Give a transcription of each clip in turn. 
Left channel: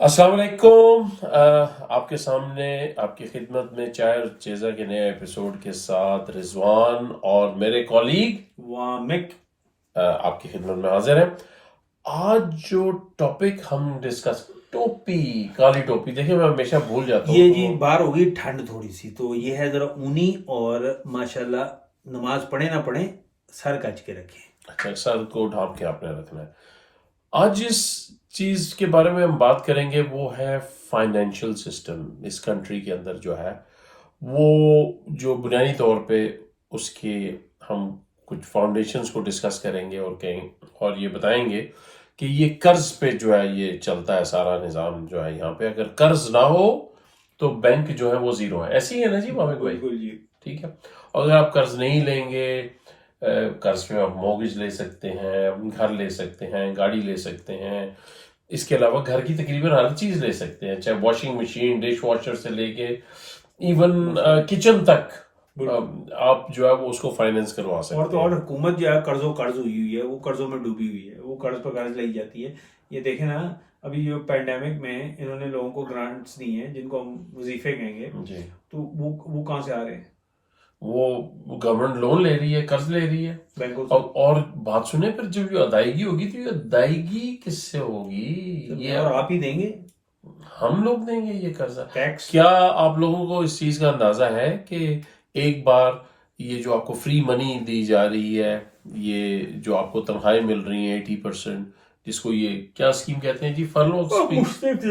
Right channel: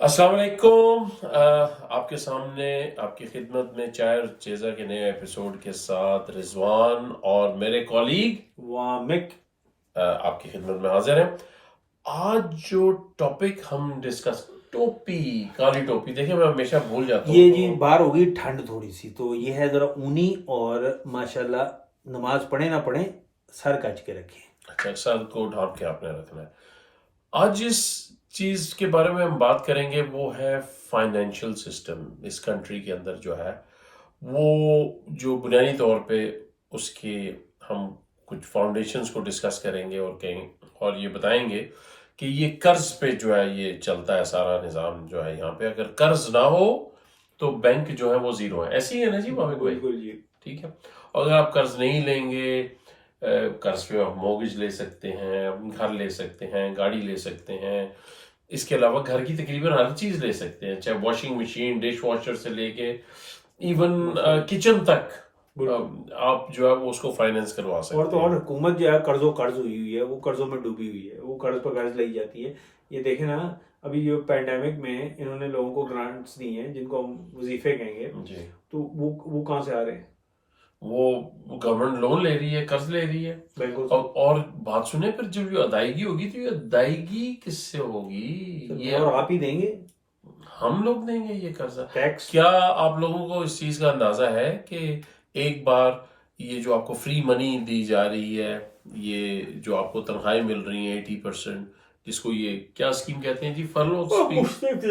अस्सलाम वालेकुम। आपके सामने आपकी खिदमत में चाय और चेज़ा के नए एपिसोड के साथ रिजवान और मेरे कॉलीग वामिक आपकी खिदमत में हाजिर हैं। आज जो टॉपिक हम डिस्कस, टोपी, काली टोपी। देखिए, मैं हमेशा भूल जाता हूँ ये जी बाहर होगी ठंड थोड़ी सी, तो ये है जरा ऊनी और माशाल्लाह नमाज पढ़े ना पढ़े सर कच के रखें। अच्छा, सर को ढांप के आपने रखना है। आज जिस चीज के बारे में हम बात करेंगे वो है फाइनेंशियल सिस्टम इस कंट्री के अंदर जो है, वो जो बुनियादी तौर पे उसके हम कुछ फाउंडेशंस को डिस्कस करेंगे और कहेंगे और ये बताएंगे कि ये कर्ज पे जो है ये चलता है सारा निज़ाम जो है यहाँ पे। अगर कर्ज ना हो तो बैंक जो है वो जीरो है। ऐसे ही है ना जी मामिक भाई? बिल्कुल जी। ठीक है। और अगर आप कर्ज नहीं लेंगे, कर्ज पे आप मॉर्गेज ले सकते हैं, घर ले सकते हैं, गाड़ी ले सकते हैं, इसके अलावा घर की तकरीबन हर चीज ले सकते हैं, चाहे वॉशिंग मशीन, डिश वॉशर से लेके इवन किचन तक आप जो है वो उसको फाइनेंस करवा सकते और तो हैं। और हुकूमत जो है कर्ज हुई है, वो कर्जों में डूबी हुई है, वो कर्ज पर कर्ज लाई जाती है। ये देखें ना, अभी जो पैंडेमिक में इन्होंने लोगों को ग्रांट्स दी हैं जिनको हम वजीफे कहेंगे, जी, तो वो कहाँ से आ रहे हैं? वो गवर्नमेंट लोन ले रही है, कर्ज ले रही है बैंकों और बात सुने, फिर जब ये अदायगी होगी तो ये अदायगी किससे होगी? से। ये और आप ही देंगे हम लोग देंगे ये कर्जा। टैक्स। क्या आप लोगों को इस चीज का अंदाजा है कि एक बार ये जो आपको फ्री मनी दी जा रही है, ये जो आपको तनख्वाहें मिल रही हैं 80%, जिसको ये क्या स्कीम कहते हैं जी, फरलो?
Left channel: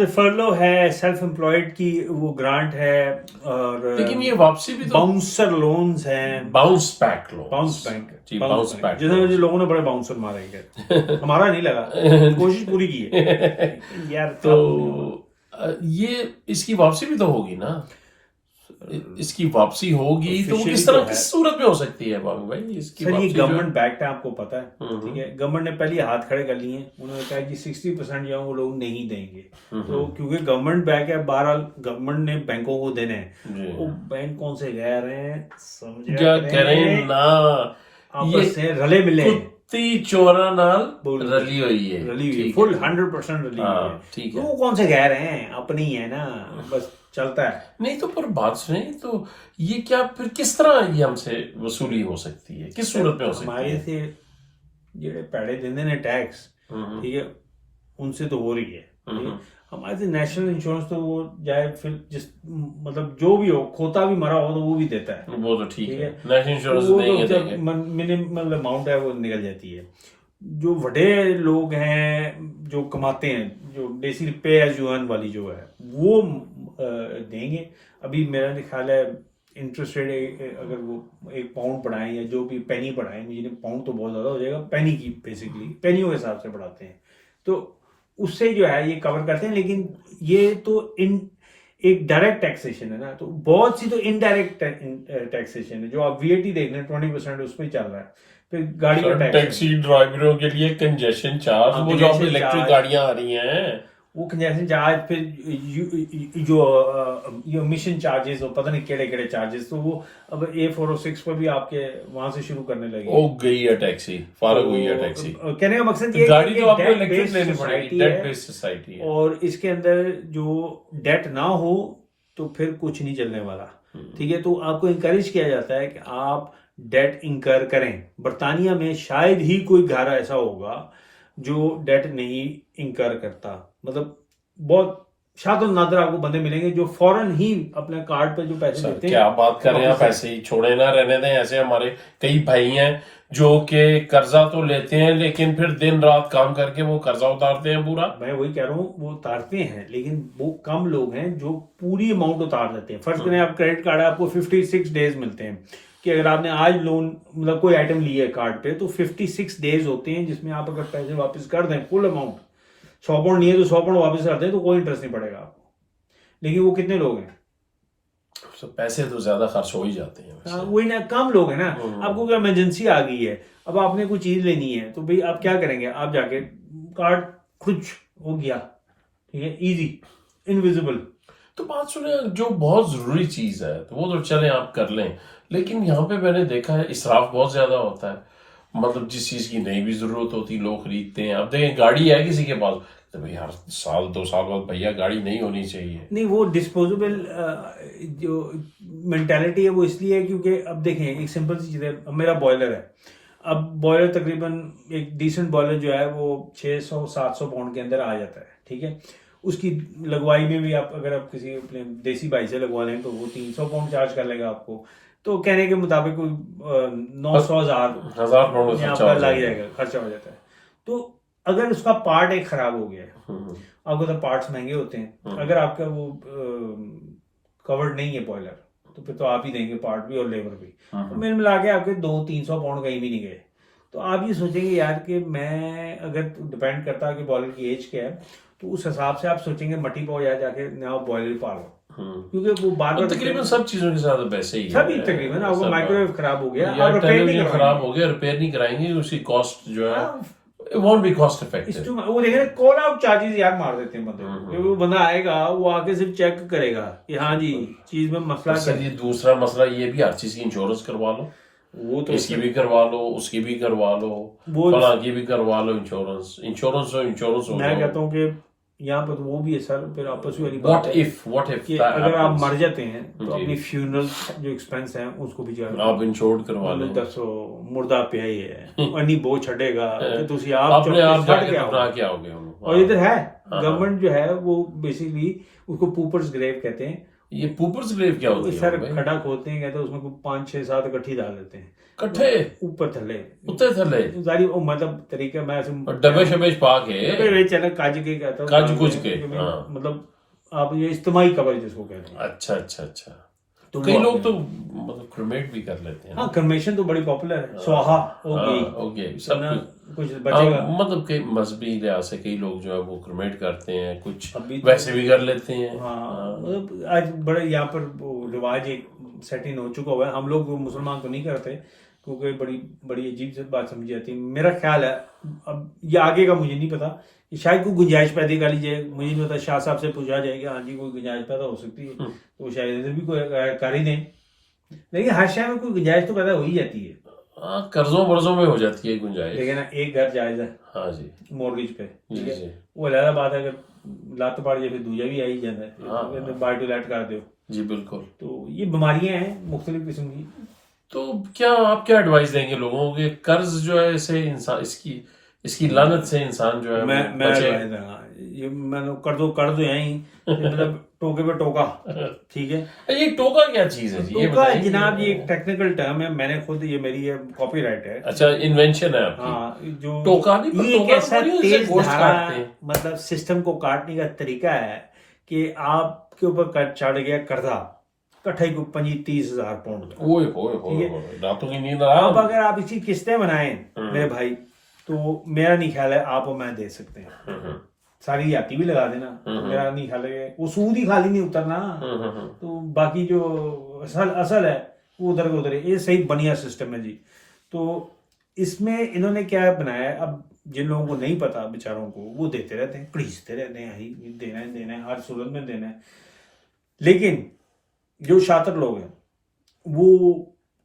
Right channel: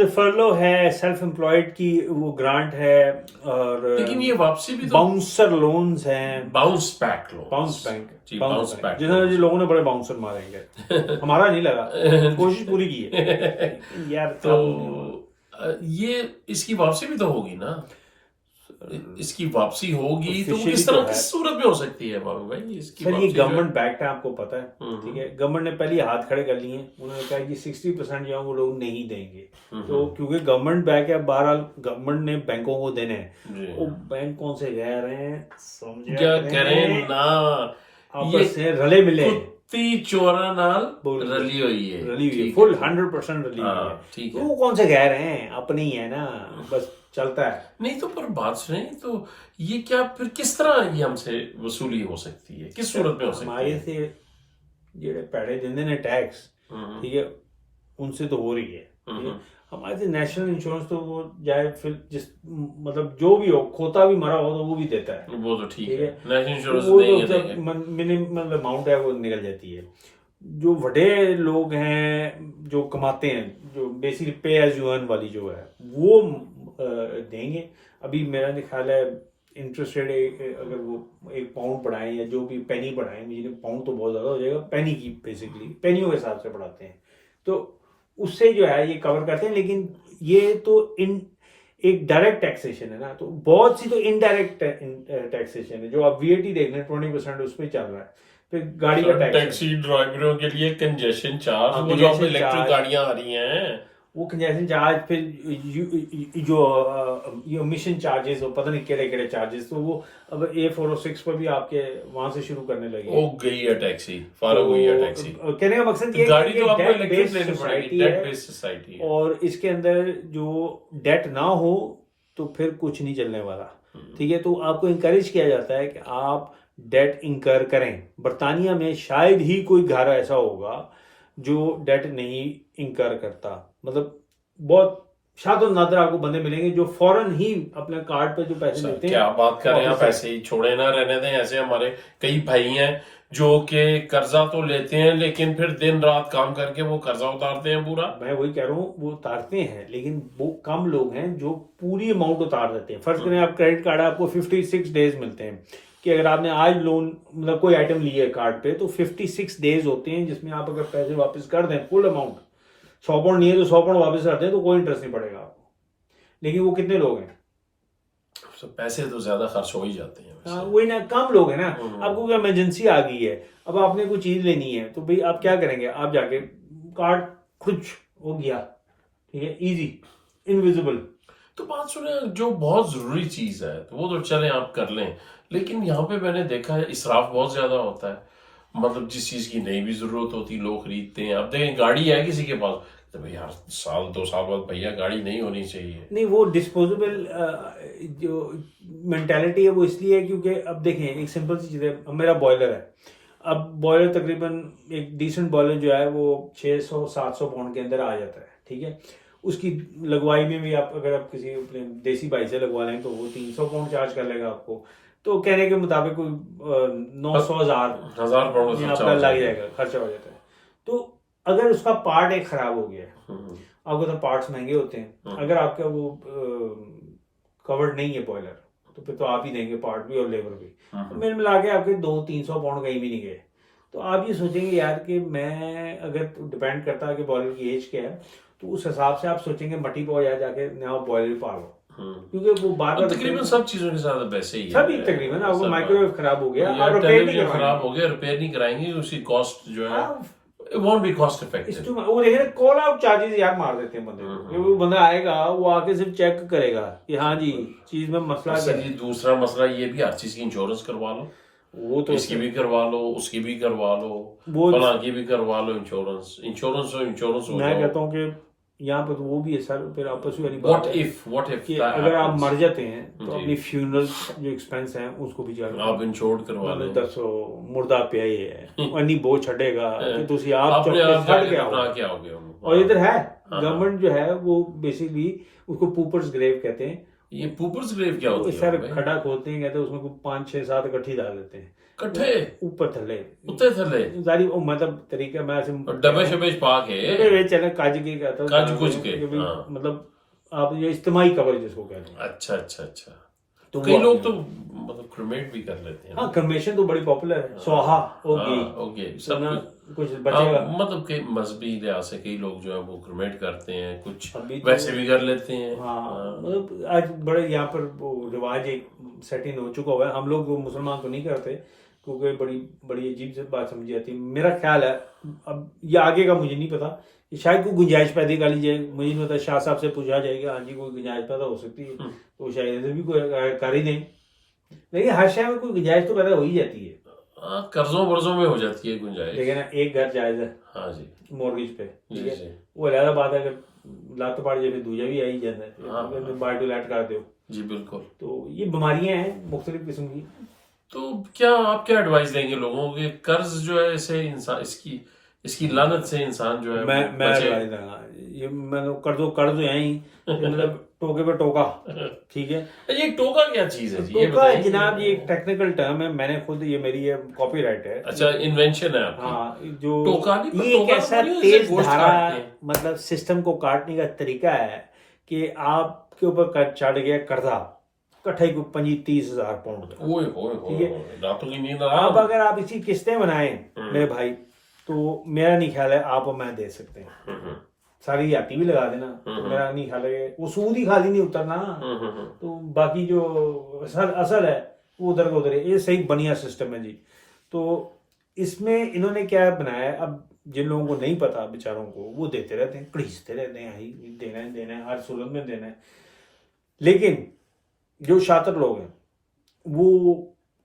फरलो है, सेल्फ एम्प्लॉयड की वो ग्रांट है, और लेकिन ये वापसी भी तो बाउंसर लोन्स हैं, बाउंस बैक लो, बाउंस बैंक जी, बाउंस बैक जिन्होंने जी लोगों ने बड़े बाउंसर मारेंगे। हमारा नहीं लगा, कोशिश पूरी की है यार। तो ये इसकी वापसी भी तो होगी ना। इसकी वापसी होगी तो वो किस तरह, किस सूरत में हो सकती है बाबू भाई इसकी सर? ये वापसी जो है? गवर्नमेंट बैक्ड है, आपको पता है, ठीक है। गवर्नमेंट ने पहले हाथ खड़े कर लिए, उन्होंने कहा कि 60% जो है वो लोग नहीं देंगे। तो क्योंकि गवर्नमेंट बैक है, बहरहाल गवर्नमेंट ने बैंकों को देने हैं, वो बैंक कौन से कह रहे हैं, समझ क्या करें ना, आपस में रले मिले, कुत्ती चोरा नाल रली हुई है, रली हुई, फुल 100% रली हुई है। ठीक है। वो कौन से कह रहे हैं, अपनी है ना, बस चलता है। नहीं तो पर बात सुने, तो ये क्या फिर किस तरह ये हमसे वसूली हो सकती है, किस सूरत में हो सकती हमारे है? से जेड़े पैड़े देंदे ने टैक्स, ठीक है, उनसे तो हो रही है, ठीक है। हमारे से नेशनल इंश्योरेंस तो वो जाए, फिर जिस मतलब जो भी हो, खोता भी मरा हो तो वो भी देता है, वो तो ठीक है। नेशनल इंश्योरेंस वो देंगे, तो जब मिनिमम अमाउंट है वो निकल जाती है। जो बड़े लोग हैं जो कमाते हैं, जो बेसिकली पे एज यू अर्न वाली जो है वो देंगे। अभी मेरा ख्याल है इंटरेस्ट रेट अगर वो 1 पाउंड बढ़ाएं या जो भी पेनी बढ़ाएं, जिन्हें पाउंड तो बहुत ज़्यादा हो जाएगा, पेनी की बेसिकली पेनियों के हिसाब से बढ़ाते हैं, तो उससे जो है ये कवर करते हैं। लेकिन ये तो एक डायरेक्ट टैक्सेशन है ना, तो बहुत सी तो इनडायरेक्ट टैक्सेशन है। जो आप वीएटी देख रहे हैं 20% उस पर चल रहा है। फिर गाड़ी का टैक्सी ड्राइवरों के लिए कंजेशन चार्ज, वो जो इलेक्ट्रिक गाड़ियां आ रही हैं, वो कंजेशन चार्ज, फिर जो मिशन चार्जेस, और पता नहीं केड़े केड़े चार्जेस, तो वो अब A406 पर भी आपके वहां से शुरू करने लगे। ओ गई है टैक्सी, फारग हुई है टैक्सी। कहने का मकसद ये गाड़ी तो आपको इलेक्ट्रिक लेनी पड़ेगी, डेट बेस्ड सोसाइटी है, और इसके अंदर जो डेट ना हो तो फिर कुछ नहीं चलने वाला, ठीक है। तो आपको इंकरेज किया जाता है कि आप डेट इंकर करें। बर्तानिया में शायद ही कोई घर ऐसा होगा जो डेट नहीं इंकर करता, मतलब बहुत शायद नादर आपको बंदे मिलेंगे जो फौरन ही अपने कार्ड पे जो पैसे देते हैं। क्या बात कर रहे हैं आप, ऐसे ही छोड़े ना रहने दें। ऐसे हमारे कई भाई हैं जो कि कर्जा तो लेते हैं लेकिन फिर दिन रात काम करके वो कर्जा उतारते हैं पूरा। मैं वही कह रहा हूँ, वो उतारते हैं, लेकिन वो कम लोग हैं जो पूरी अमाउंट उतार देते हैं। फर्स्ट करें आप क्रेडिट कार्ड, आपको 56 डेज मिलते हैं कि अगर आपने आज लोन मतलब कोई आइटम लिया है कार्ड पे, तो 56 डेज होते हैं जिसमें आप अगर पैसे वापस कर दें फुल अमाउंट, 100 पाउंड नहीं है तो 100 पाउंड वापस कर दें, तो कोई इंटरेस्ट नहीं पड़ेगा आपको। लेकिन वो कितने लोग हैं? तो पैसे तो ज्यादा खर्च हो ही जाते हैं। वही ना, कम लोग हैं ना। आपको कोई इमरजेंसी आ गई है, अब आपने कोई चीज लेनी है, तो भाई आप क्या करेंगे? आप जाके कार्ड खुद हो गया, ठीक है, इजी, इनविजिबल। तो बात सुने, जो बहुत जरूरी चीज है तो वो तो चले आप कर लें, लेकिन यहाँ पे मैंने देखा है इसराफ बहुत ज्यादा होता है। मतलब जिस चीज की नहीं भी जरूरत होती लोग खरीदते हैं। अब देखें, गाड़ी है किसी के पास, तो भाई हर साल 2 साल बाद भैया गाड़ी नहीं होनी चाहिए। नहीं, वो डिस्पोजेबल जो मेंटालिटी है वो इसलिए है क्योंकि अब देखें एक सिंपल सी चीज़ है। अब मेरा बॉयलर है, अब बॉयलर तकरीबन एक डिसेंट बॉयलर जो है वो 600-700 पाउंड के अंदर आ जाता है, ठीक है। उसकी लगवाई में भी आप अगर आप किसी अपने देसी भाई से लगवा लें तो वो 300 पाउंड चार्ज कर लेगा आपको। तो कहने के मुताबिक कोई 900,000 1000 पाउंड यहाँ खर्चा पर हो लग जाएगा। जाएगा, खर्चा हो जाता है। तो अगर उसका पार्ट एक खराब हो गया, आपको तो पार्ट्स महंगे होते हैं, अगर आपका वो कवर्ड नहीं है बॉयलर तो फिर तो आप ही देंगे पार्ट भी और लेबर भी। तो मिल मिला के आपके 200-300 पाउंड कहीं भी नहीं गए। तो आप ये सोचेंगे यार कि मैं अगर डिपेंड करता है कि बॉयलर की एज क्या है, तो उस हिसाब से आप सोचेंगे मट्टी पाओ या जाके नया बॉयलर पालो, क्योंकि वो बार बार तकरीबन सब चीजों के साथ वैसे ही है। सभी तकरीबन आपको माइक्रोवेव खराब हो गया, या आप रिपेयर नहीं टेलीविजन खराब करवाएंगे। हो गया, रिपेयर नहीं कराएंगे, उसकी कॉस्ट जो है हाँ, it won't be cost effective। वो देखिए कॉल आउट चार्जेस यार मार देते हैं बंदे को, कि वो बंदा आएगा वो आके सिर्फ चेक करेगा कि हाँ जी चीज में मसला क्या सर ये है। दूसरा मसला ये भी, हर चीज की इंश्योरेंस करवा लो, वो तो इसकी भी करवा लो, उसकी भी करवा लो, वो फलां की भी करवा लो, इंश्योरेंस इंश्योरेंस हो मैं जाओ। कहता हूँ कि यहाँ पर तो वो भी है सर, फिर आपस वाली व्हाट बात है इफ कि अगर आप मर जाते हैं तो जी। अपनी फ्यूनरल जो एक्सपेंस है उसको भी जाके आप इंश्योर्ड करवा लो, दसो मुर्दा पिया ही है अन्नी बो छड़ेगा कि तुसी आप अपने आप चौके जाके फट दफना गया के आओगे हम। और इधर है गवर्नमेंट जो है वो बेसिकली उसको पूपर्स ग्रेव कहते हैं। ये पूपर्स ग्रेव क्या होती है सर भाई? खड्डा खोदते हैं कहते हैं उसमें 5-6-7 इकट्ठी डाल देते हैं कट्ठे ऊपर थल्ले उत्ते थले सारी वो मतलब तरीका मैं ऐसे और डबे शबे पा के काज के कहता हूँ काजू कुछ के, कि भाई, हाँ। मतलब आप ये इज्तिमाई कवर जिसको कहते हैं। अच्छा अच्छा अच्छा। तो कई वो लोग अपने- तो मतलब क्रिमेट भी कर लेते हैं। हाँ क्रिमेशन तो बड़ी पॉपुलर है, स्वाहा हो गई, ओके तो सब ना कुछ। कुछ बचेगा। मतलब कई मजहबी लिहाज से कई लोग जो है वो क्रिमेट करते हैं, कुछ अभी तो- वैसे भी कर लेते हैं। हाँ मतलब आज बड़े यहाँ पर वो रिवाज एक सेट इन हो चुका हुआ है। हम लोग वो मुसलमान तो नहीं करते क्योंकि बड़ी बड़ी अजीब सी बात समझी जाती है। मेरा ख्याल है, अब ये आगे का मुझे नहीं पता, कि शायद कोई गुंजाइश पैदा कर लीजिए, मुझे नहीं पता, शाह साहब से पूछा जाएगा हाँ जी कोई गुंजाइश पैदा हो सकती है तो शायद इधर भी कोई कर ही नहीं, लेकिन हर शहर में कोई गुंजाइश तो पैदा हो ही जाती है। हाँ कर्जों वर्जों में हो जाती है गुंजाइश। लेकिन एक घर जायज है हाँ जी मॉर्गेज पे, जी ठीक है, जी वो अलग बात है कि लात पड़ जाए फिर दूजा भी आ ही जाता है, हाँ। बाय टू लेट कर दो। जी बिल्कुल। तो ये बीमारियां हैं मुख्तलिफ किस्म की। तो क्या आप क्या एडवाइस देंगे लोगों को कि कर्ज जो है इसे इंसान इसकी लानत से इंसान जो है वो मैं बचे? advice दूंगा, ये मैंने कर दो यहीं, ये मतलब टोके पे टोका, ठीक है। ये टोका क्या चीज है जी, ये टोका बताइए। जनाब ये एक टेक्निकल टर्म है, मैंने खुद ये मेरी ये कॉपीराइट है। अच्छा इन्वेंशन है आपकी? हाँ जो टोका नहीं, पर ये एक टोका ऐसा तो बड़ी तेज गोश्त धारा काटते हैं। मतलब सिस्टम को काटने का तरीका है कि आपके ऊपर चढ़ गया कर्जा कट्ठे को 25-30 हज़ार पाउंड का। ओए होए होए होए, रातों की नींद आराम। अब अगर आप इसकी किस्तें बनाएं मेरे भाई, तो मेरा नहीं ख्याल है आप और मैं दे सकते हैं। सारी याती भी लगा देना तो मेरा नहीं ख्याल है वो सूद ही खाली नहीं उतरना, तो बाकी जो असल है वो उधर का उधर है। ये सही बढ़िया सिस्टम है जी। तो इसमें इन्होंने क्या बनाया है, अब जिन लोगों को नहीं पता बेचारों को वो देते रहते हैं, घड़ीसते रहते हैं, ही देना है हर सूरत में देना है। लेकिन जो शातिर लोग हैं वो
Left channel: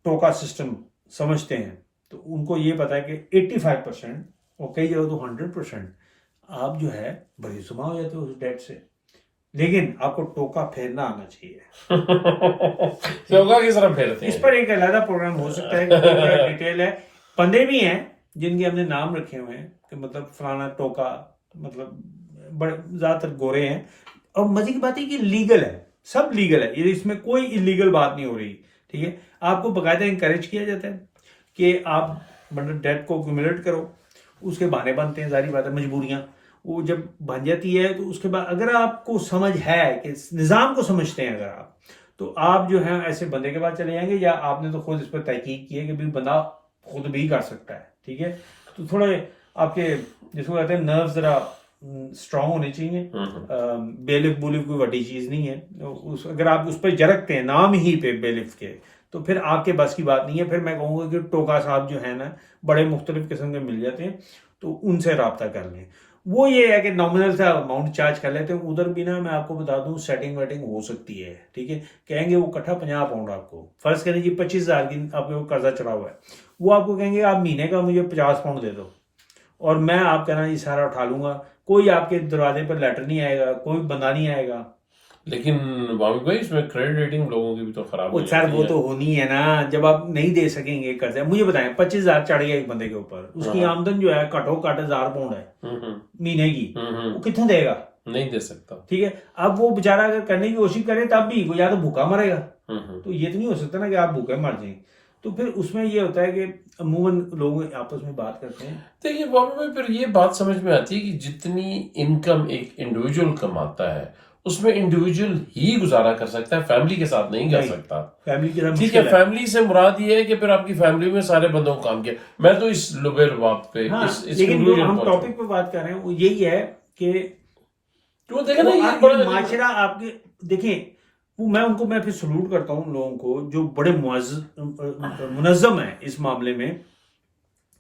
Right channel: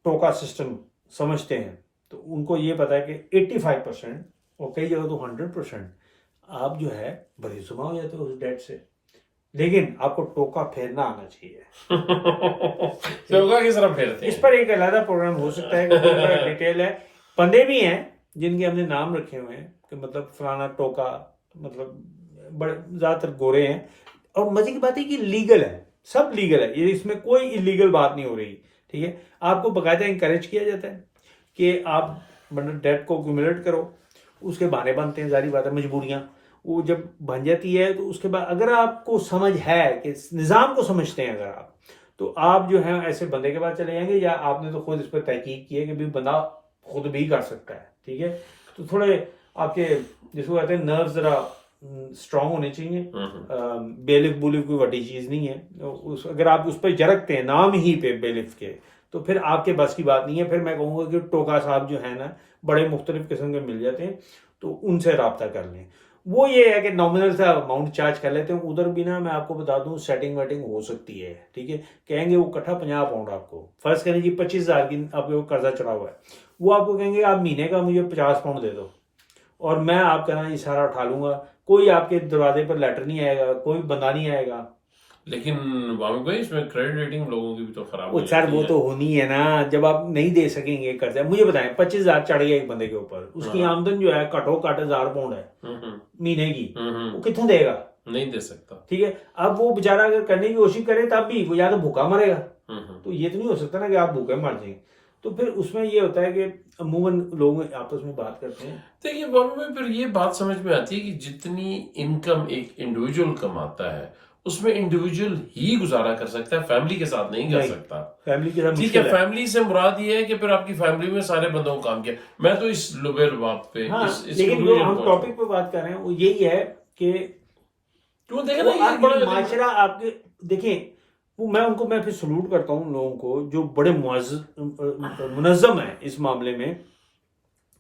टोका सिस्टम समझते हैं, तो उनको ये पता है कि 85% और कई जगह तो 100% आप जो है बड़ी जुमा हो जाते हो उस डेट से, लेकिन आपको टोका फेरना आना चाहिए। टोका किस तरह फेरते हैं? इस पर एक अलग प्रोग्राम हो सकता है कि डिटेल है। बंदे भी हैं जिनके हमने नाम रखे हुए हैं कि मतलब फलाना टोका, मतलब बड़े ज्यादातर गोरे हैं। और मजे की बात है कि लीगल है, सब लीगल है, ये इसमें कोई इलीगल बात नहीं हो रही, ठीक है। आपको बकायदा इंकरेज किया जाता है कि आप मतलब डेट को एक्यूमुलेट करो, उसके बहाने बनते हैं, जारी बात है मजबूरियां वो जब बन जाती है तो उसके बाद अगर आपको समझ है कि निज़ाम को समझते हैं अगर आप, तो आप जो है ऐसे बंदे के पास चले जाएंगे, या आपने तो खुद इस पर तहकीक की है कि भाई बंदा खुद भी कर सकता है, ठीक है। तो थोड़े आपके जिसको कहते हैं नर्व जरा स्ट्रांग होने चाहिए। बेलिफ बुलिफ कोई बड़ी चीज नहीं है, उस अगर आप उस पर जरकते हैं नाम ही पे बेलिफ के, तो फिर आपके बस की बात नहीं है। फिर मैं कहूँगा कि टोका साहब जो है ना बड़े मुख्तलिफ किस्म के मिल जाते हैं, तो उनसे रब्ता कर लें। वो ये है कि नॉमिनल सा अमाउंट चार्ज कर लेते हैं। उधर भी ना मैं आपको बता दूं सेटिंग वेटिंग हो सकती है, ठीक है। कहेंगे वो इकट्ठा 50 पाउंड आपको, फर्ज करें जी 25,000 की आपके कर्जा चढ़ा हुआ है, वो आपको कहेंगे आप महीने का मुझे 50 पाउंड दे दो और मैं आप कहना ये सारा उठा लूंगा, कोई आपके दरवाजे पर लेटर नहीं आएगा, कोई बंदा नहीं आएगा। लेकिन वामिक भाई इसमें क्रेडिट रेटिंग लोगों की भी तो खराब हो सर जाती वो है। तो होनी है ना, जब आप नहीं दे सकेंगे कर्जा। मुझे बताएं 25,000 चढ़ गया एक बंदे के ऊपर, उसकी हाँ। आमदन जो है घटो घट 1,000 पाउंड है महीने की, हम्म। वो कितने देगा? नहीं दे सकता। ठीक है, अब वो बेचारा अगर करने की कोशिश करे तब भी वो या तो भूखा मरेगा, तो ये तो नहीं हो सकता ना कि आप भूखे मर जाएं। तो फिर उसमें ये होता है कि अमूमन लोग आपस में बात करते हैं। देखिए वामिक भाई फिर ये बात समझ में आती है कि जितनी इनकम एक इंडिविजुअल कमाता है उसमें इंडिविजुअल ही गुजारा कर सकता है, फैमिली के साथ नहीं कर नहीं। सकता। फैमिली की तरह ठीक है, मुश्किल है। फैमिली से मुराद ये है कि फिर आपकी फैमिली में सारे बंदों को काम किया। मैं तो इस लुबे लुबाब पे हाँ, इस लेकिन जो conclusion हम पहुंचा। टॉपिक पे बात कर रहे हैं वो यही है कि तो देखा ना वो ये आपके बड़ा माशरा आपके देखें, वो मैं फिर सलूट करता हूँ लोगों को जो बड़े मुनज़्ज़म है इस मामले में,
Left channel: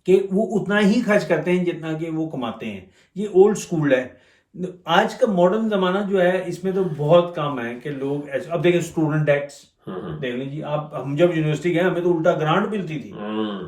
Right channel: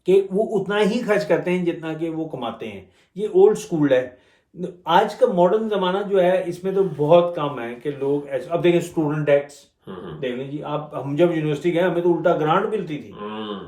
कि वो उतना ही खर्च करते हैं जितना कि वो कमाते हैं। ये ओल्ड स्कूल है। आज का मॉडर्न जमाना जो है इसमें तो बहुत कम है कि लोग ऐसे। अब देखें स्टूडेंट टैक्स देख लीजिए आप, हम जब यूनिवर्सिटी गए हमें तो उल्टा ग्रांट मिलती थी,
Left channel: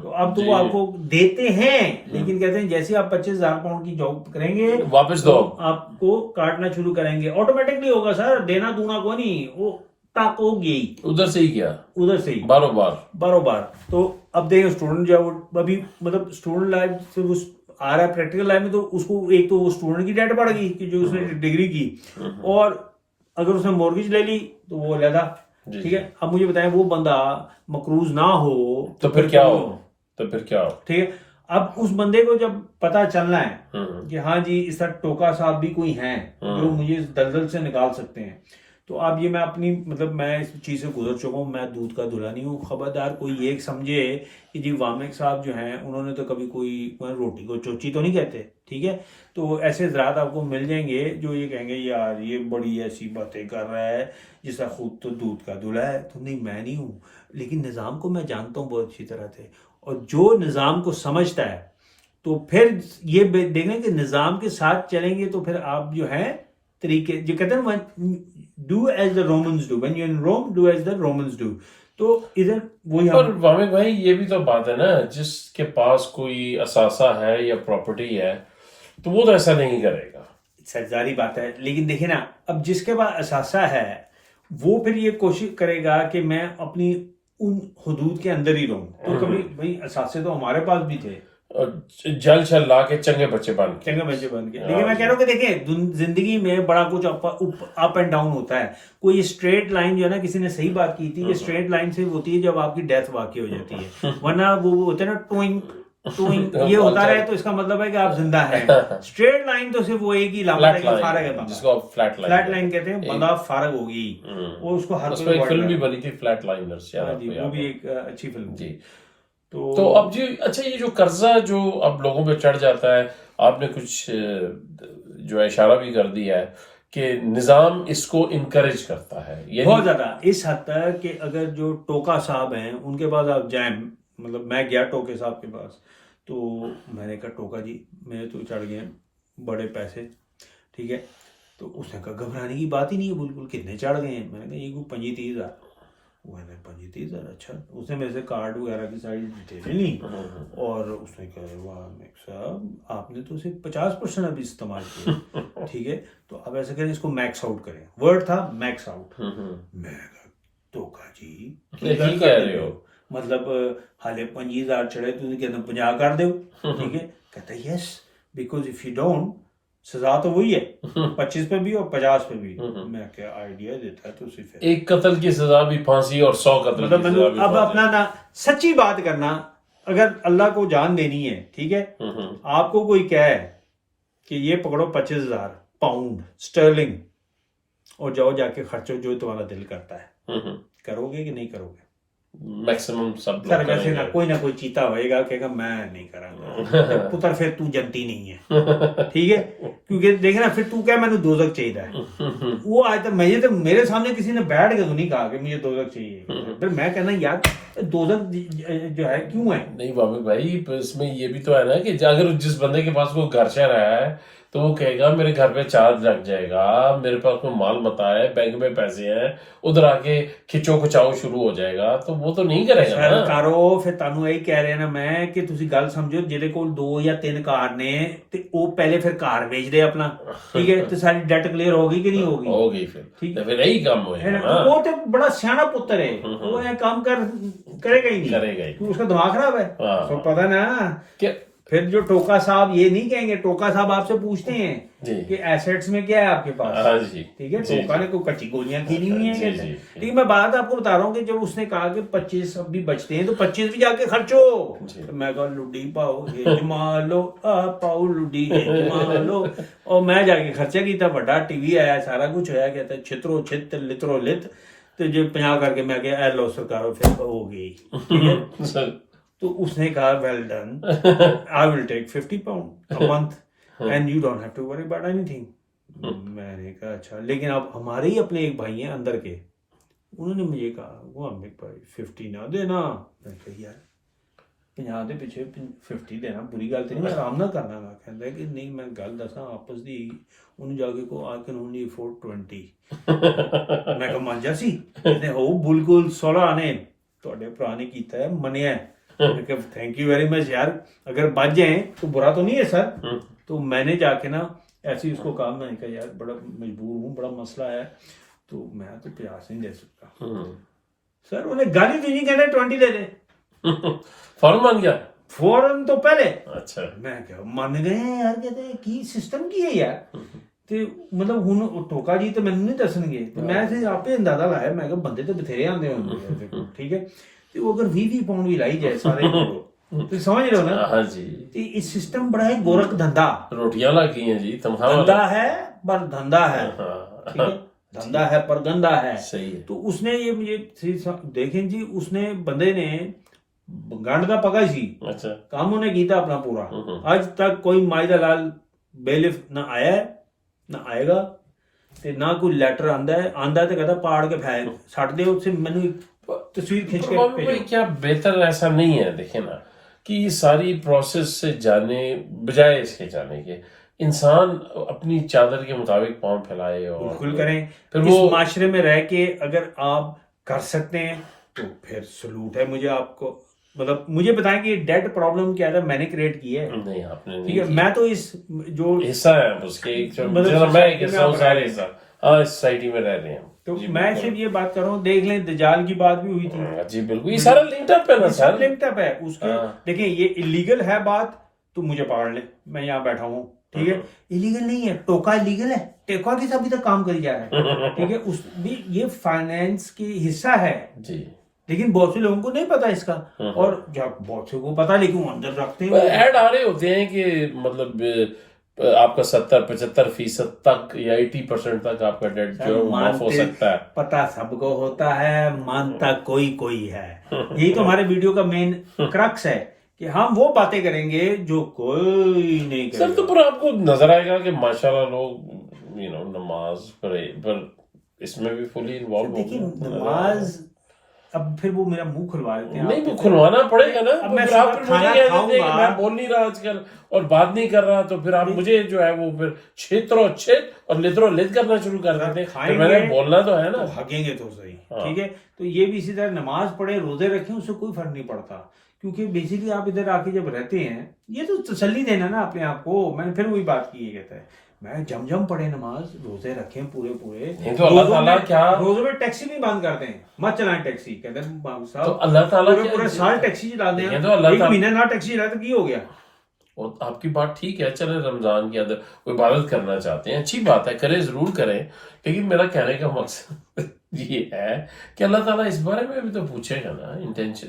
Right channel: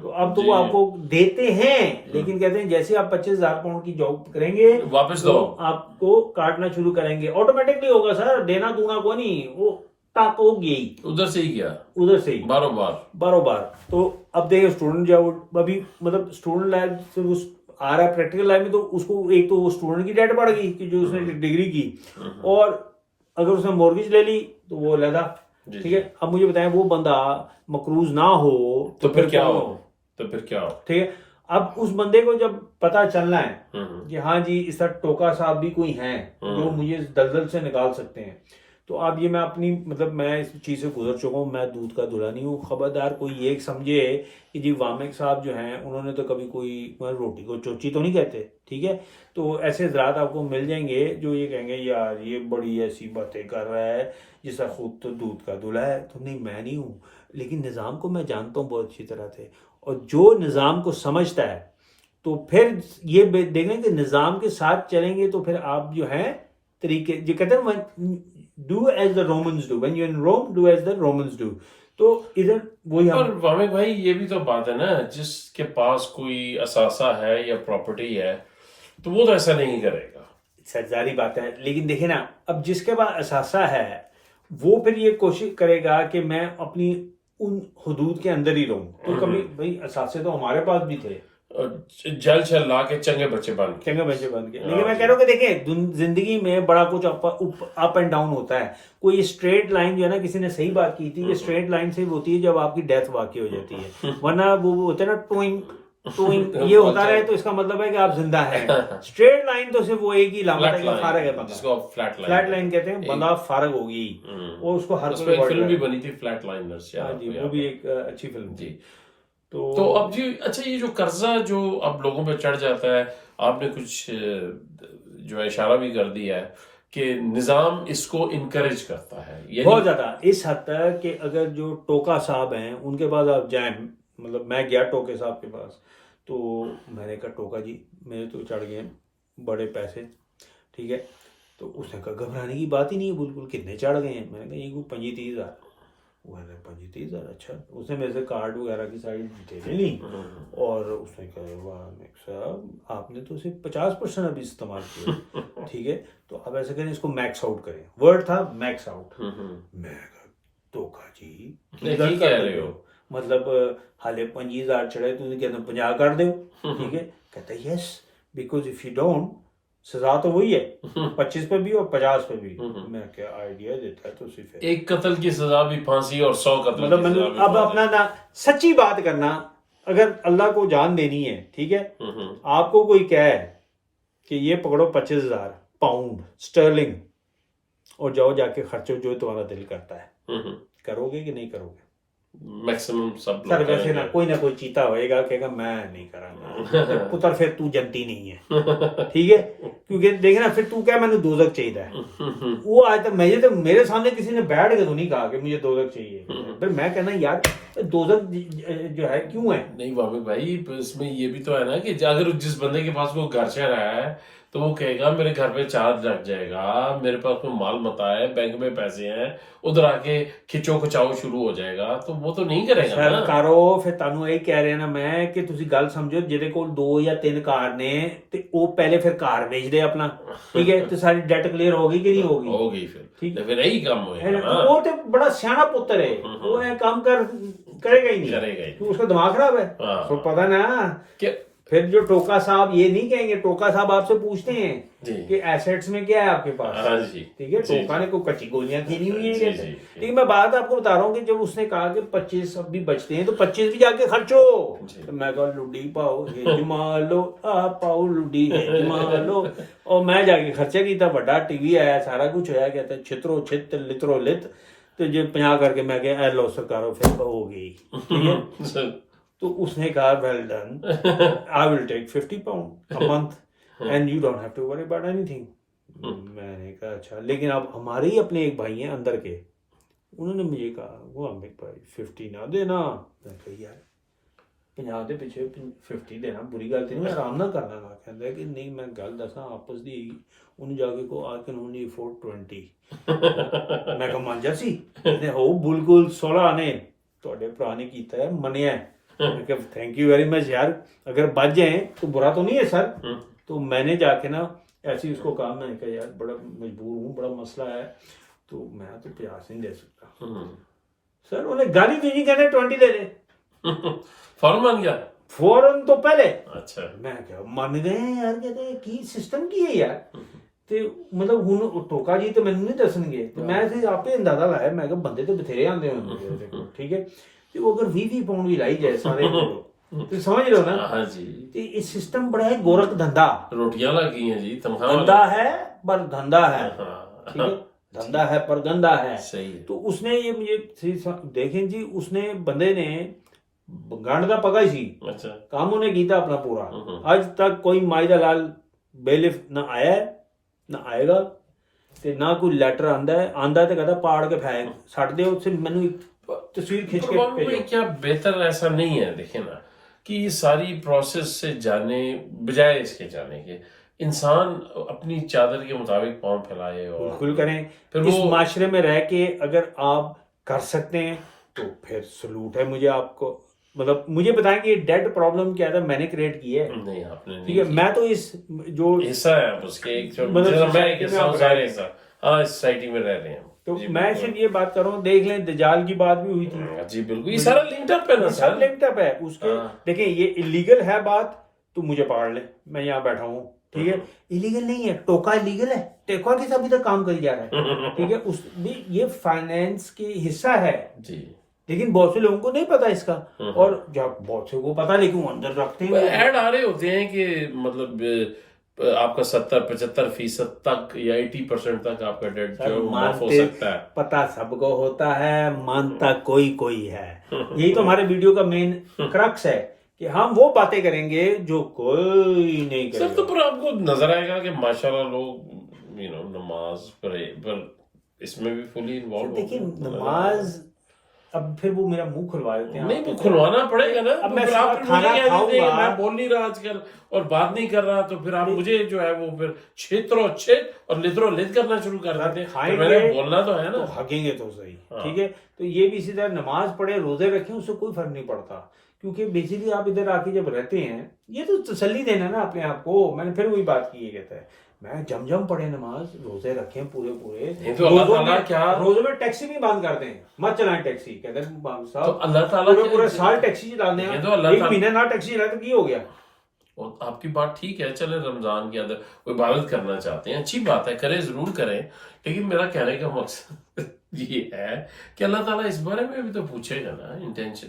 तो अब तो वो आपको देते हैं, लेकिन कहते हैं जैसे आप 25,000 पाउंड की जॉब करेंगे वापस तो दो। आपको काटना शुरू करेंगे, ऑटोमेटिकली होगा सर, देना दूना को नहीं, वो तक होगी उधर से ही किया, उधर से ही बारोबार। तो अब देखो स्टूडेंट जो है वो अभी मतलब स्टूडेंट लाइफ से वो आ रहा है प्रैक्टिकल लाइफ में, तो उसको एक तो वो स्टूडेंट की डेट बढ़ गई कि जो उसने डिग्री की, और अगर उसने मॉर्गेज ले ली तो वो अलग। ठीक है, अब मुझे बताएं वो बंदा मकरूज ना हो तो फिर क्या हो? ठीक है, अब उस बंदे को जब पता चलना है कि हाँ जी इस तरह टोका साहब भी कोई हैं जो मुझे इस दलदल से निकाल सकते हैं, तो अब ये मैं अपनी मतलब मैं इस चीज़ से गुजर चुका हूँ, मैं दूध का धुला नहीं हूँ। खबरदार कोई ये समझे कि जी वामिक साहब जो हैं उन्होंने तो कभी कोई रोटी को चोची तो नहीं कहते। ठीक है, तो ऐसे हजरात आपको मिल जाएंगे जो ये कहेंगे यार ये बड़ी ऐसी बातें कर रहा है जिसका खुद तो दूध का धुला है। तो नहीं, मैं नहीं हूँ, लेकिन निज़ाम को मैं जानता हूँ बहुत अच्छी तरह से, और जो निज़ाम को समझता है तो फिर ये देखेंगे कि निज़ाम के साथ चलेंगे तो फिर आप जो है तरीके जो कहते हैं do as the Romans do, when you in Rome do as the Romans do. तो इधर वही पर वामिक भाई ये भी तो बात है ना, जिसके पास कोई असासा है या प्रॉपर्टी है तो वो तो ऐसा नहीं करेगा। सरदारी बात है, लेकिन देखिए ना अब जिसके पास असासा है वो फिर ये कोशिश करेगा कि मैं अपनी उन हुदूद के अंदर ही रहूं। तो कभी भाई असासे तो हमारे पास भी थे, जल छल ला के चंगे बच्चे बन के। लेकिन मैं कह रहा हूँ कि देखें जिंदगी में बड़ा कुछ अप एंड डाउन होता है। कोई स्ट्रेट लाइन जो है ना, किसी ने सही बात की थी कि स्ट्रेट लाइन से होती है जब आपकी डेथ वाकई हो जाती है, वरना वो होता है ना टोइंग ये होता है, तो इसका मतलब है कि आप जिंदा हैं। स्ट्रेट लाइन तो सिर्फ वो एक ही लामत है, फारग है बंदा, जिसको फ्लैट लाइन कहते हैं। बंदा फारग होगी, वो उसको हर कोई एक फिल्म भी बनी थी फ्लैट लाइनर्स, वो भी एक अच्छी फिल्म जी। तो अब जी अच्छा, ये जो कर्जा जो अब लोगों पे चढ़ जाता है, आपने कुछ जो है इशारा भी कर दिया है कि निजाम इसको इनकरेज करता है, बहुत ज्यादा, इस हद तक कि अगर जो टोका साहब हैं उनके पास आप जाएं, मतलब मैं गया टोके साहब के पास, तो मैंने कहा टोका जी मेरे तो चढ़ गए बड़े पैसे। ठीक है, तो उसने कहा घबराने की बात ही नहीं है, बिल्कुल कितने चढ़ गए हैं? मैंने कहा ये को 25-30,000। वो है 25-30,000, अच्छा। उसने मेरे से कार्ड वगैरह की सारी डिटेलें ली, और उसने कहा वाह साहब आपने तो सिर्फ 50% अभी इस्तेमाल किया। ठीक है, तो अब ऐसे करें इसको मैक्स आउट करें, वर्ड था मैक्स आउट। मैं कहा टोका जी क्या कह रहे हो, मतलब हाले 25,000 चढ़े तुझे कहना 50 कर दो। ठीक है, कहता yes because if you don't सजा तो वही है 25 पे भी और 50 पे भी। मैं क्या आइडिया देता है, तो सिर्फ एक कत्ल की सजा भी फांसी और 100 कत्ल मतलब की सजा भी अब फांसी। अपना ना सच्ची बात करना, अगर अल्लाह को जान देनी है, ठीक है, आपको कोई कहे कि ये पकड़ो 25,000 पाउंड स्टर्लिंग और जाओ जाके खर्चो जो तुम्हारा दिल करता है, करोगे कि नहीं करोगे? मैक्सिमम सब सर वैसे ना कोई चीता होएगा कहेगा मैं नहीं करूंगा पुत्र, फिर तू जनती नहीं है। ठीक है, क्योंकि देखे ना फिर तू क्या मैंने दोजक चाहिए है। वो आज तक मुझे तो मेरे सामने किसी ने बैठ के तो नहीं कहा कि मुझे दोजक चाहिए, फिर मैं कहना यार दोजक जो है क्यों है? नहीं वामिक भाई, इसमें ये भी तो है ना कि अगर जिस बंदे के पास कोई घर शहर है तो वो कहेगा मेरे घर पे चार्ज लग जाएगा, मेरे पास में माल मता है, बैंक में पैसे हैं, उधर आके खिंचो खचाओ शुरू हो जाएगा, तो वो तो नहीं करेगा ना। ਸਰਕਾਰੋ ਫਿਰ ਤੁਹਾਨੂੰ ਇਹ ਕਹਿ ਰਿਹਾ ਨਾ ਮੈਂ ਕਿ ਤੁਸੀਂ ਗੱਲ ਸਮਝੋ, ਜਿਹਦੇ ਕੋਲ 2 ਜਾਂ 3 ਕਾਰ ਨੇ ਤੇ ਉਹ ਪਹਿਲੇ ਫਿਰ ਕਾਰ ਵੇਚਦੇ ਆਪਣਾ, ਠੀਕ ਹੈ, ਤੇ ਸਾਡੀ ਡੈਟ ਕਲੀਅਰ ਹੋ ਗਈ ਕਿ ਨਹੀਂ ਹੋ ਗਈ? ਹੋ ਗਈ ਫਿਰ, ਠੀਕ ਤੇ ਫਿਰ ਇਹੀ ਕੰਮ ਹੋਏਗਾ ਨਾ। ਉਹ ਤੇ ਬੜਾ ਸਿਆਣਾ ਪੁੱਤਰ ਹੈ, ਉਹ ਇਹ ਕੰਮ करेगा ही नहीं, करेगा ही तो उसका दिमाग खराब है। हाँ। तो पता ना कि फिर जो टोका साहब ये नहीं कहेंगे, टोका साहब आपसे पूछते हैं जी कि एसेट्स में क्या है आपके पास, हाँ जी, ठीक है, जी, टोका ने कोई कच्ची गोलियां खीनी हुई हैं जी, कहते हैं। जी, लेकिन मैं बात आपको बता रहा हूँ कि जब उसने कहा कि 25 अब भी बचते हैं तो 25 भी जाके खर्चो, जी। तो मैं कहा लुडी पाओ जमा लो, पाओ लुडी जमा लो, और मैं जाके खर्चा किया, बड़ा टीवी आया, सारा कुछ होया, कहता छित्रो छित लित्रो लित, तो जो 50 करके मैं कहा लो सरकारों फिर हो गई, ठीक है। तो उसने कहा well done, I will take 50 pound a month and you don't have to worry about anything. मैंने कहा अच्छा, लेकिन अब हमारे ही अपने एक भाई हैं अंदर के, उन्होंने मुझे कहा वो अमित भाई 50 ना देना, मैं कहा यार 50 ਦੇ ਪਿੱਛੇ 50 ਦੇਣਾ ਬੁਰੀ ਗੱਲ ਤੇ ਨਹੀਂ, ਆਰਾਮ ਨਾਲ ਕਰਨਾ ਵਾ। ਕਹਿੰਦਾ ਕਿ ਨਹੀਂ ਮੈਂ ਗੱਲ ਦੱਸਾਂ ਆਪਸ ਦੀ, ਉਹਨੂੰ ਜਾ ਕੇ ਕੋ ਆਈ ਕੈਨ ਓਨਲੀ ਅਫੋਰਡ 20। ਮੈਂ ਕਿਹਾ ਮੰਨ ਜਾ ਸੀ, ਕਹਿੰਦੇ ਹੋ ਬਿਲਕੁਲ 16 ਨੇ ਤੁਹਾਡੇ ਭਰਾ ਨੇ ਕੀਤਾ ਹੈ, ਮੰਨਿਆ। मैं कहा थैंक यू वेरी मच यार, अगर बच जाए तो बुरा तो नहीं है सर। तो मैंने जाके ना ऐसे ही उसको कहा, मैंने कहा यार बड़ा मजबूर हूँ, बड़ा मसला है, तो मैं तो 50 नहीं दे सकता। सर उन्हें गाली दी नहीं, कहने 20 दे दे। फौरन मान गया, फौरन तो पहले। अच्छा, मैं क्या मान गए यार, कहते की सिस्टम की है यार। ਤੇ ਮਤਲਬ ਹੁਣ ਟੋਕਾ ਜੀ ਤੇ ਮੈਨੂੰ ਨਹੀਂ ਦੱਸਣਗੇ, ਮੈਂ ਤੇ ਆਪੇ ਅੰਦਾਜ਼ਾ ਲਾਇਆ, ਮੈਂ ਕਿਹਾ ਬੰਦੇ ਤੇ ਬਥੇਰੇ ਆਉਂਦੇ ਹੋਣਗੇ, ਠੀਕ ਹੈ, ਤੇ ਉਹ ਅਗਰ 20 ਪਾਉਂਡ ਵੀ ਲਾਈ ਜਾਏ ਸਾਰੇ ਕੋਲੋਂ, ਤੁਸੀਂ ਸਮਝ ਰਹੇ ਹੋ ਨਾ? हाँ जी। ਤੇ ਇਹ ਸਿਸਟਮ बड़ा है गोरख धंधा, रोटियां लग गई हैं जी, तनख्वाह धंधा है पर धंधा है, ठीक है, धंधा है पर गंदा है। सही है। तो उसने ये मुझे देखें जी, उसने बंदे ने गंड का पका सी, अच्छा काम उन्हें किया अपना पूरा, आज तक कोई माई दा लाल बेलिफ ना आया है ना आएगा, ਤੇ ਨਾ ਕੋਈ ਲੈਟਰ ਆਂਦਾ ਤੇ ਕਹਿੰਦਾ ਪਾੜ ਕੇ ਫੈਕ ਛੱਡ ਦੇ, उससे मैंने तस्वीर खींच के भेजो। क्या बेहतर ऐसा नहीं है, देखे ना, कि ये सारी प्रोसेस से जाने बजाय इसके जाने के इंसान अपनी चादर के मुताबिक पाँव फैलाए और बिल्कुल करें। फिर इस वो माशरे में रह के अगर आप कर सकते हैं तो फिर सलूट है मुझे आपको। मतलब मुझे बताएं कि डेड प्रॉब्लम क्या है, मैंने क्रिएट की है? नहीं, आपने ठीक है, मैं तो इस जो हिस्सा है उसके एक जो मतलब मैं एक हिस्सा हूं, सारे हिस्सा हाँ इस सोसाइटी में रह रहे हैं, तो जी, मैं बिल्कुल। सिर्फ ये बात कर रहा हूँ, देख लें दजाल की बात भी हुई थी, जी बिल्कुल, ये सारा लिंक्ड अप है ना सर, लिंक्ड अप है उसके। हाँ। देखिए ये इलीगल है बात, तो मुझे पकड़ ले, मैं यहाँ बैठा हूँ, ठीक है, इलीगल नहीं है, टोका इलीगल है, टेका के साथ अभी तक काम करी जा रहा है, ठीक है, उस भी ये फाइनेंस की हिस्सा है जी, लेकिन बहुत से लोगों को नहीं पता इसका, और जब बहुत से को पता, लेकिन वो अंदर रखते हैं। ऐड आ रहे होते हैं कि मतलब आपका 70-75% तक या 80% तक आपका डेट जो है वो माफ हो सकता है। पता सबको होता है, मानता कोई कोई है। यही तो हमारे वीडियो का मेन क्रक्स है कि हम वो बातें करेंगे जो कोई नहीं करेगा। सर तो पर आपको नजर आएगा कि माशाल्लाह लोग नमाज पढ़े, पर इसमें भी फुली इन्वॉल्व हो देखिए नमाज, अब फिर वो मेरा मुंह खुलवा देते हैं। नहीं, वो खुलवाना पड़ेगा ना। अब मैं फिर आप फिर मुझे खाना कह देते हैं कि खाऊंगा, मैं बोल नहीं रहा आजकल और बात नहीं कर रहा, तो फिर आप मुझे जो है वो फिर क्षेत्रों और लित्रो लित करना शुरू कर देते हैं। तो मैंने बोलना तो है ना, भागेंगे तो सही, हाँ। ठीक है। तो ये भी इसी तरह नमाज पढ़े रोजे रखें, उससे कोई फर्क नहीं पड़ता, क्योंकि बेसिकली आप इधर आके जब रहते हैं, ये तो तसल्ली देना ना अपने आप को। मैंने फिर वही बात की, ये कहता है मैं जम पढ़े नमाज, रोजे रखें पूरे तो अल्लाह ताला क्या रोजे में टैक्सी भी बंद करते हैं, मत चलाएं टैक्सी, कहते हैं तो अल्लाह ताला पूरे साल टैक्सी चला दें, तो अल्लाह एक महीना ना टैक्सी चलाए तो की हो गया। और आपकी बात ठीक है, चले रमजान के अंदर कोई इबादत करना चाहते हैं, अच्छी बात है, करें, जरूर करें, लेकिन मेरा कहने का मकसद ये है कि अल्लाह ताला इस बारे में भी तो पूछेगा ना, इंटेंशन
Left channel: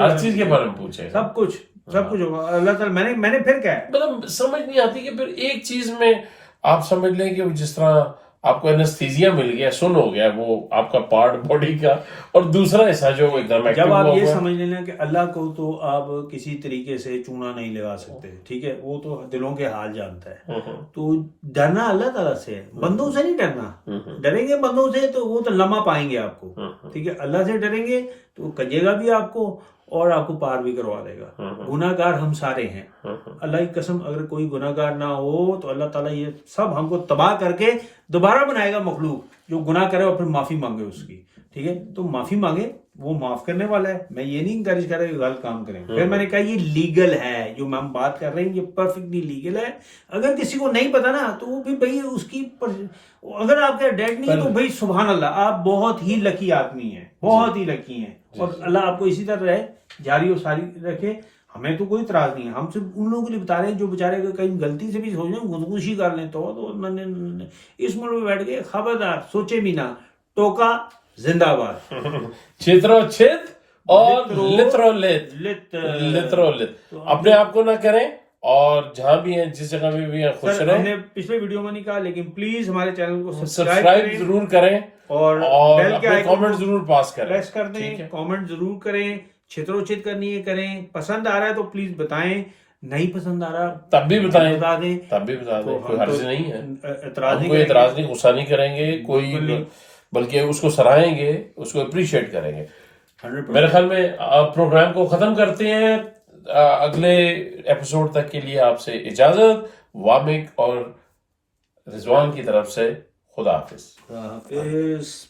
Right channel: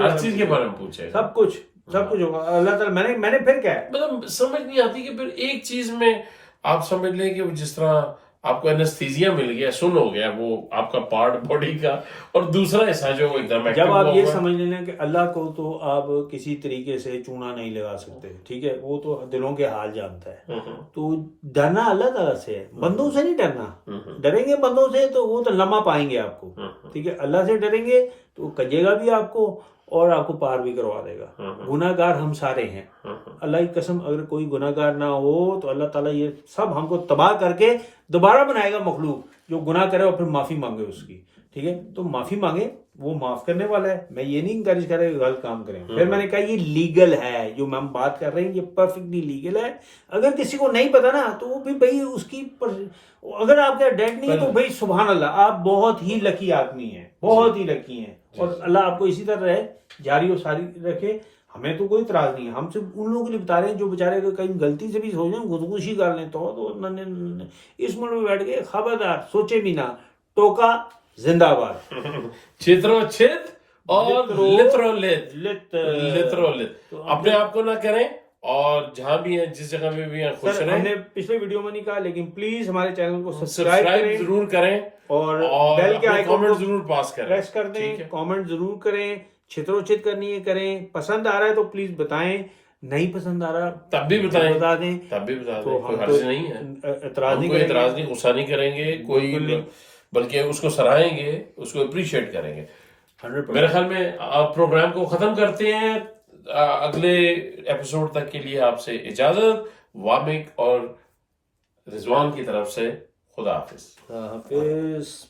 हर चीज के बारे में पूछेगा, सब कुछ होगा। अल्लाह ताला मैंने फिर क्या है, मतलब समझ नहीं आती कि फिर एक चीज में आप समझ लें कि जिस तरह आपको एनेस्थीसिया मिल गया, सुन हो गया वो आपका पार्ट बॉडी का, और दूसरा हिस्सा जो एकदम जब आप ये समझ लेना कि अल्लाह को तो आप किसी तरीके से चूना नहीं लगा सकते, ठीक है, वो तो दिलों के हाल जानता है। तो डरना अल्लाह ताला से है, बंदों से नहीं डरना। डरेंगे बंदों से तो वो तो लम्हा पाएंगे आपको, ठीक है। अल्लाह से डरेंगे तो कजेगा भी आपको, और आपको पार भी करवा देगा। गुनाहगार हम सारे हैं, अल्लाह की कसम, अगर कोई गुनाहगार ना हो तो अल्लाह ताला ये सब हमको तबाह करके दोबारा बनाएगा मखलूक जो गुनाह करे और फिर माफी मांगे उसकी। ठीक है, तो माफी मांगे, वो माफ करने वाला है। मैं ये नहीं इंकरेज कर रहा कि गलत काम करें। फिर मैंने कहा ये लीगल है, जो हम बात कर रहे हैं ये परफेक्टली लीगल है। अगर किसी को नहीं पता ना तो वो भी भाई उसकी अगर आपका डेट नहीं है तो भाई सुभान अल्लाह, आप बहुत ही लकी आदमी हैं, बहुत ही लकी हैं। और अल्लाह आपको इसी तरह रहे, जारी और सारी रखे। हमें तो कोई इतराज नहीं है, हम सिर्फ उन लोगों के लिए बता रहे हैं जो बेचारे कहीं गलती से भी सोचें खुदकुशी कर लें तो इस मुल्क में बैठ के खबरदार, सोचे भी ना, टोका जिंदाबाद। क्षेत्रोच्छेद और लित्रोलित तो अपने आप को ना करें, और जहां भी हैं, जिस जगह में भी हैं, खुश रहें। हमने पिछले वीडियो में नहीं कहा, लेकिन प्लीज हमारे चैनल को सब्सक्राइब जरूर करें और बेल के अपने आइकन कमेंट को जरूर पास करें। प्रेस कर दें, कमेंट जरूर करें। क्षेत्रोचित करनी है करें, पसंद आ रहा है तो प्लीज बताएं, नहीं पसंद आ रहा तब भी बताएं, बता दें, तब भी बता दें, तो कोई हम हर्ज तो नहीं है। एतराज हम नहीं कोई करेंगे। एतराज नहीं, गुस्सा नहीं करेंगे कोई, बिल्कुल नहीं। बल्कि उसको सराहेंगे, उसको अप्रिशिएट करेंगे। 100%। मेरे ख्याल में प्रोग्राम को खत्म करते हैं। अगले एपिसोड तक के लिए आपसे इजाजत। वामिक और रिजवान की तरफ से खुदा हाफिज। हाफिज।